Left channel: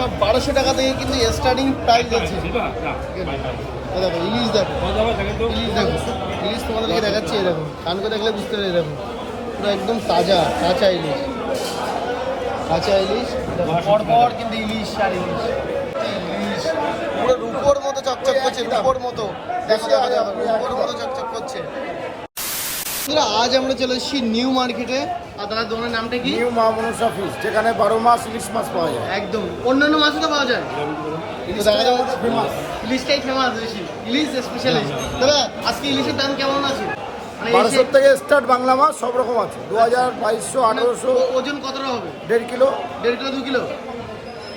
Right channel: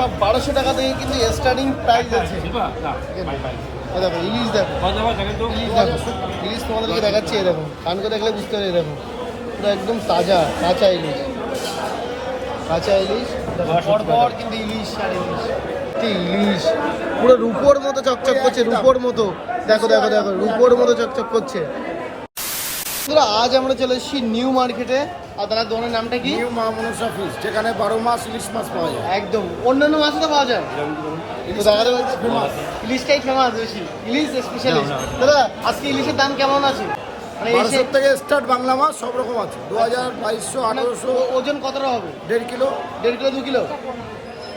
সব 1200 টাকা থেকে কিন্তু স্টার্টিং প্রাইস আছে। দেখো ইলিশ, দেখো ইলিশ, দেখো ইলিশ তোমাদেরকে দেখাচ্ছি। এরকম কান করে দেখলে বুঝতে পারবে। এরকম পুরো একদম তাজা কাঁচা ইলিশ, কাঁচা ইলিশ পর কিন্তু ইলিশ আর ইলিশ, ইলিশ পুরো রূপোর মতো চকচক করছে, রূপোর মতো। দেখো দেখো দেখো রূপোর মতো চকচক করছে। আজ আমরা চলে এসেছি নিউ মার্কেটে। আর তার দোকানের নামটা কি? নিউ মা মনসা ফিশ, যেখানে 12 মাস ইলিশ মাছ পাওয়া যায়। একদম অন্যান্য মাছও তো পাওয়া যায়, ইলিশটাই ফেমাস বেশি, ইলিশ স্পেশালিস্ট। দাদা আজকে ইলিশের দাম কেমন আছে? 1200 থেকে স্টার্ট, বাংলা মাছ সব রকম আছে। 2000, 2200, 1800। ওজন কতটা হবে? 1.5 কিলো। 1.5 কিলো 2 কিলো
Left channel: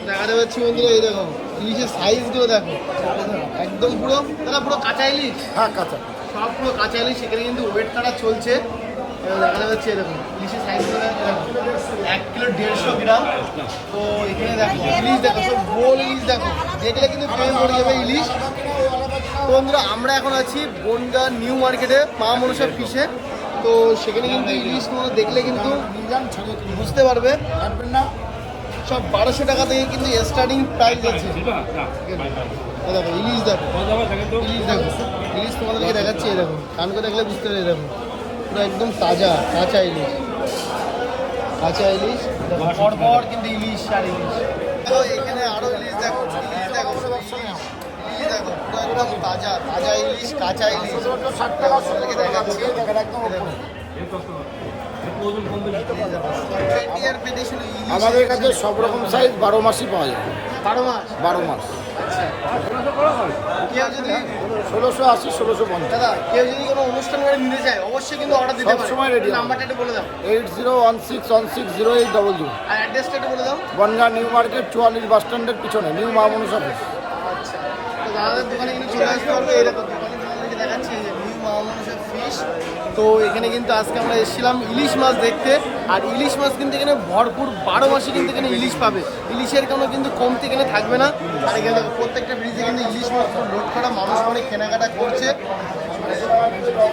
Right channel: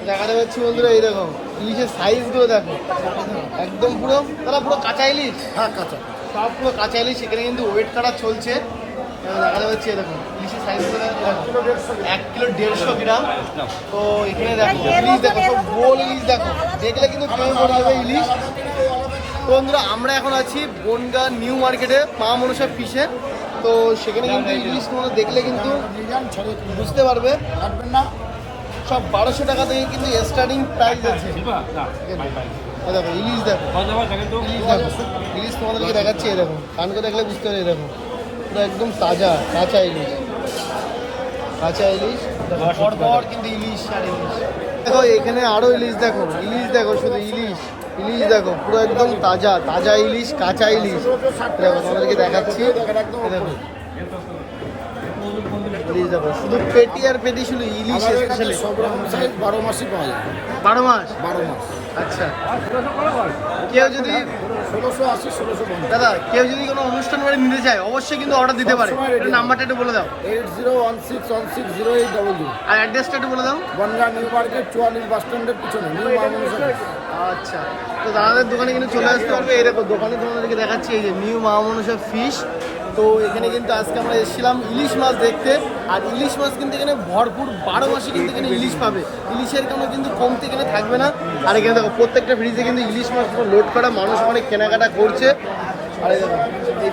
দেখাতে পাচ্ছি বন্ধুরা। এই দেখো ইলিশের সাইজগুলো দেখো, একদম পুরো দাদা পুরো কাঁচা ইলিশ। হ্যাঁ, কাঁচা সব পুরো কাঁচা ইলিশ। সেখানে কিন্তু ওয়েট কাটা চলছে। দেখাতে পাচ্ছি এই দেখো ইলিশের সাইজগুলো দেখো, 1 কিলো 150 গ্রাম। তো এখানে দেখো ইলিশ, দেখো সব গোল ইলিশ। দেখো দেখলে কিন্তু প্রেমে পড়ে যাবে ইলিশ। তো বন্ধুরা আমরা এখন আছি বনগাঁ নিউ মার্কেটে মা মনসা ফিশে। তো সেখানে কিন্তু ইলিশ তোমরা দেখলে কিন্তু বুঝতে পারবে। কাটবেন না, সব 1200 টাকা থেকে কিন্তু স্টার্টিং প্রাইস আছে। দেখো ইলিশ, দেখো ইলিশ, দেখো ইলিশ তোমাদেরকে দেখাচ্ছি। এরকম কান করে দেখলে বুঝতে পারবে। এরকম পুরো একদম তাজা কাঁচা ইলিশ, কাঁচা ইলিশ পর কিন্তু ইলিশ আর ইলিশ। দেখো এখানে আরো ইলিশ, দেখো ইলিশ, দেখো শুধু ইলিশ, ইলিশ দেখো পুরো একদম তাজা তাজা ইলিশ, কাঁচা ইলিশ। দেখো তোমাদেরকে দেখাচ্ছি। ইলিশ দেখো শুধু পেটি আর পেটি, শুধু ইলিশ। আমাদের কাছে সব রকম সাইজ 12 মাসই পাওয়া যায়। 12 মাস? 12 মাস। আচ্ছা, কেউ যদি 1680, 1650। দাদা কেউ যদি কোনো অনুষ্ঠান বাড়ি নিতে চায় অবশ্যই কিন্তু অর্ডার দিতে পারে। সবসময় ready। নাম্বারটা একটু বলে দাও। 8016160800। আর অ্যাড্রেসটা একটু বলে দাও। বনগাঁ নিউ মার্কেট 44 বাস স্ট্যান্ডের পিছনে নিউ মা মনসা ফিশ। আচ্ছা, তো দাদাদের দোকানে কিন্তু চলে আসতে পারবে। এরকম দোকানে তোমাদেরকে দেখাচ্ছি এই যে নিউ মা মনসা ফিশ। তো এখানে কিন্তু আজকে আমরা এসেছিলাম ইলিশ মাছ দেখতে। আর ইলিশ মাছ কিন্তু এখানে ভরপুর 12 মাসে কিন্তু এখানে ইলিশ পাবে। ইলিশের কোনো কিন্তু কমতি এখানে থাকবে না। আর এখানে দেখো প্রত্যেকটা ব্রিজে কিন্তু ইলিশ মাছ লোড করা, মানুষ অনেক কেনাকাটা করছে। আর এই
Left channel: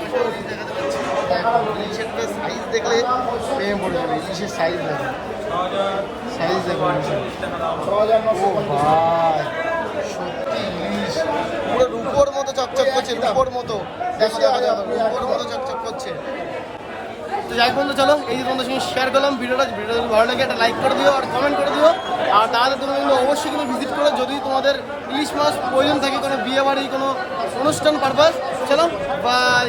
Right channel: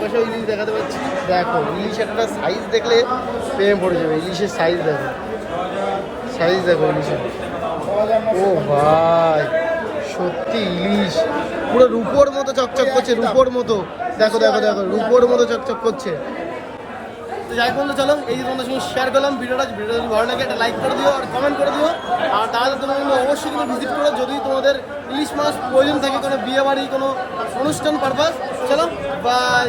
পাশেও ইলিশ দেখাতে পাচ্ছি। দেখো ইলিশের একটা সাইজ দেখলে প্রেমে পড়ে যাবে। ইলিশের সাইজ দেখো, সাইজ দেখো ইলিশের। ও ভাই সত্যি ইলিশ পুরো রূপোর মতো চকচক করছে, রূপোর মতো। দেখো দেখো দেখো রূপোর মতো চকচক করছে। তো যাই বন্ধু চলো এই যে তোমাদের সঙ্গে শেয়ার করলাম ভিডিওটা যদি ভালো লাগে একটা লাইক করে দিও আর কমেন্ট করে দিও। আর তাহলে তোমরা কিন্তু অবশ্যই কিন্তু ভিজিট করো যদি তোমাদের ইলিশ মাছ প্রয়োজন থাকে কোনো বিয়ে বাড়ি, কোনো অনুষ্ঠান পারপাস। চলো বাই।